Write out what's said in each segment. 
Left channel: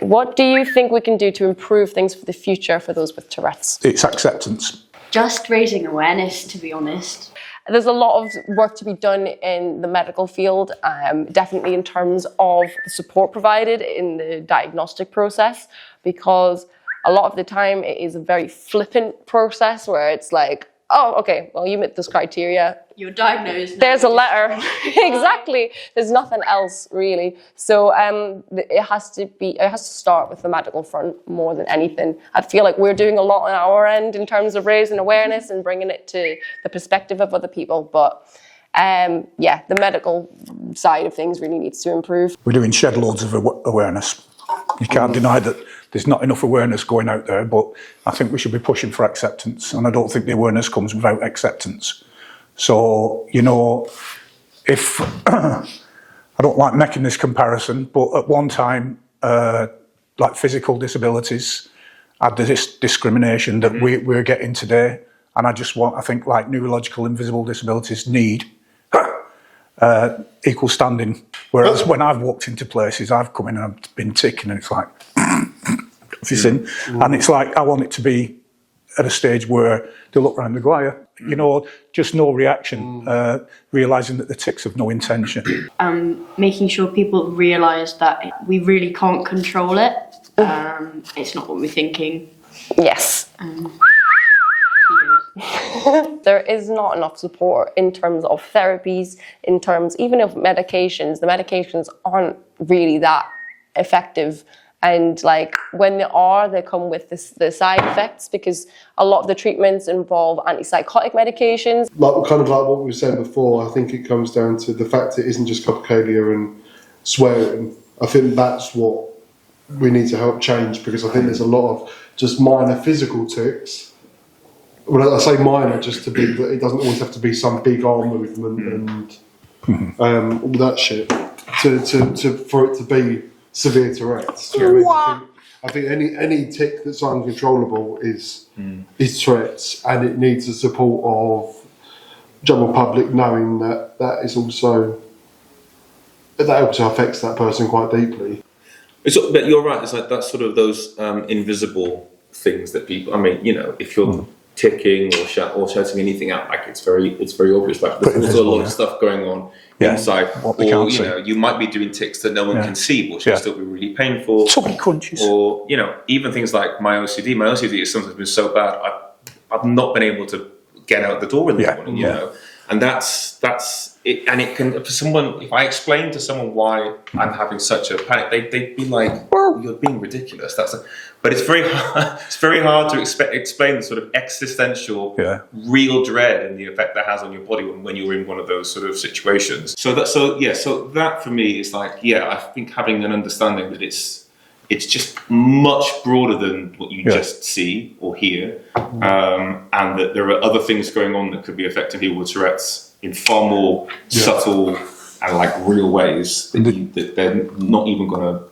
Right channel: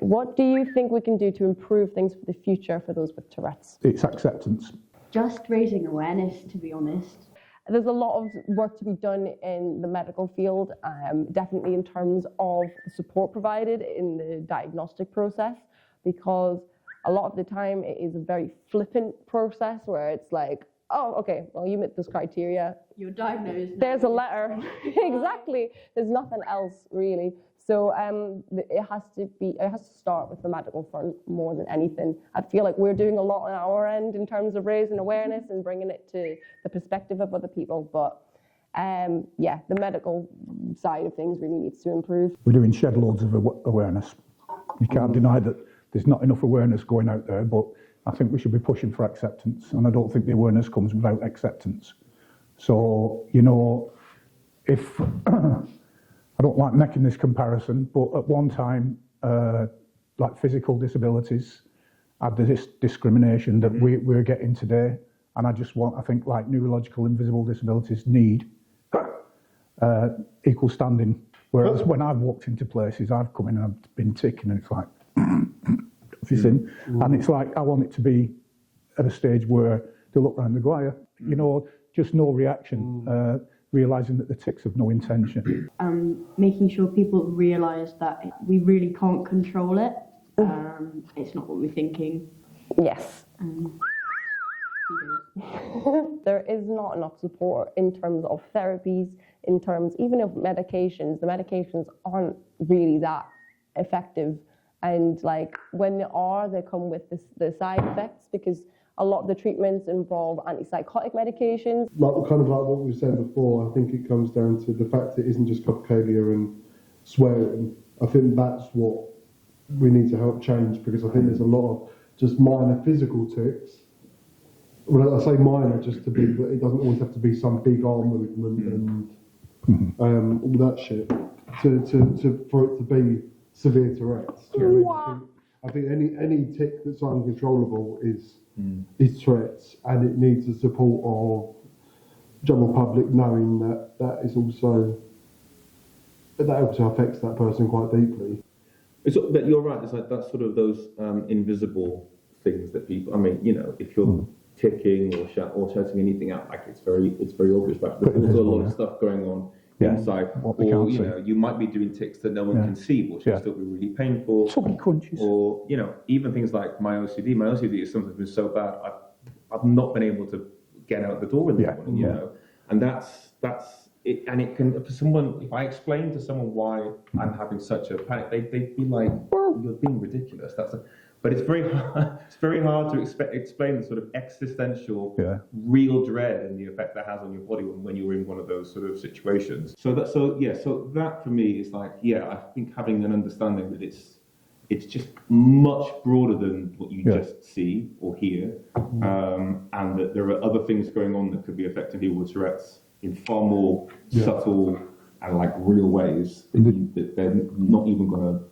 What do you think we can do to improve things for the future for those with Tourette's? It's acceptance. Just raising awareness, to be honest. There's a lot of work to be done in the medical field, definitely in terms of the support provided in the diagnostic process, because a lot of the time it is a very flippant process where it's like, oh, okay, well, you met this criteria. You're diagnosed. There's a letter. Exactly. There's nothing else really. So it has to start with the medical front more than anything. I feel like we're doing a lot on our end in terms of raising awareness and bringing it to the perspective of other people. But yeah, the medical side of things really needs to improve. We're doing shed loads of awareness. You can't deny that there's not enough awareness going out there, but I think we should be pushing for acceptance, and I don't think the awareness comes without acceptance. So, you know, if I don't like making this comparison, but at one time, like physical disabilities had this discrimination that we're getting today, and I think like neurological invisible disabilities need equal standing. Whereas when I've walked into places, I've come in and I've been ticking, and it's like, and it's like, I want it to be at a stage where they look around the go, you know, just no reaction, realising that the tics have no intention. Making sure people realise that we really can't control it. It's not what we're thinking. Yes. There is not enough support in terms of therapies, in terms even of medications. The medications aren't really that effective. And like when they come with the side effects, because a lot of the treatments involve antipsychotic medications. Like kind of like what we were saying before, I think it comes down to the fact it isn't just copocalia and swearing. I think that's what we need to help change, because I think there's a lot of just minor physical tics. Well, I say minor just to be, but it doesn't always have to be some big arm movement and all that shit for it to be severe Tourette's. You know what I mean? I think any tic that's uncontrollable is Tourette's, and it needs the support of general public knowing that that also affects that person quite deeply. But you're right. It's like that's sort of those invisible things that people. I mean, you know, if you're ticking or shouting anything out, like it's very obvious. Like there's also a lot of stuff going on inside, or you know, you might be doing tics that no one can see, which will still be really painful. Something crunches. Or you know, even things like my OCD. My OCD has sometimes been so bad I've not been able to get out the door in the morning. You know, and that's it. And it can, for someone, if I explain to someone why I'm having such a panic, they'd be like, "You're being ridiculous." But it's very hard to explain the sort of existential, real dread and the effect that has on your body when you're in one of those sort of situations. So that for me is like, I think having an understanding that it's just much broader than what you just see or hear, and that there are other things going on that could be affecting people with Tourette's in far more subtle and like real ways that they're not even going to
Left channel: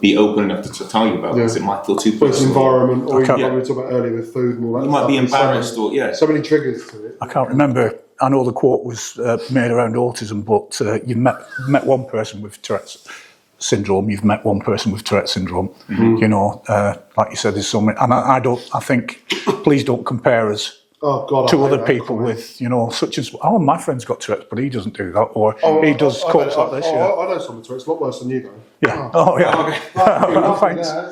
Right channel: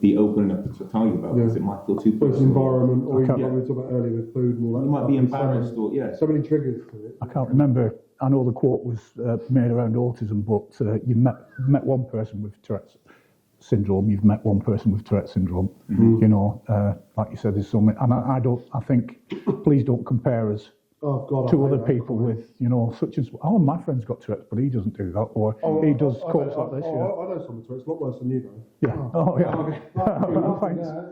be open enough to tell you about, because it might feel too personal. It's environment, or like we were talking about earlier with food and all that. You might be embarrassed, so many triggers to it. I can't remember. I know the quote was made around autism, but you've met one person with Tourette's syndrome. You've met one person with Tourette's syndrome. You know, like you said, there's so many. And I think, please don't compare us to other people with, you know, such as, my friend's got Tourette's, but he doesn't do that, or he does copes like this. I know someone with Tourette's, a lot worse than you, though. Yeah. Thanks.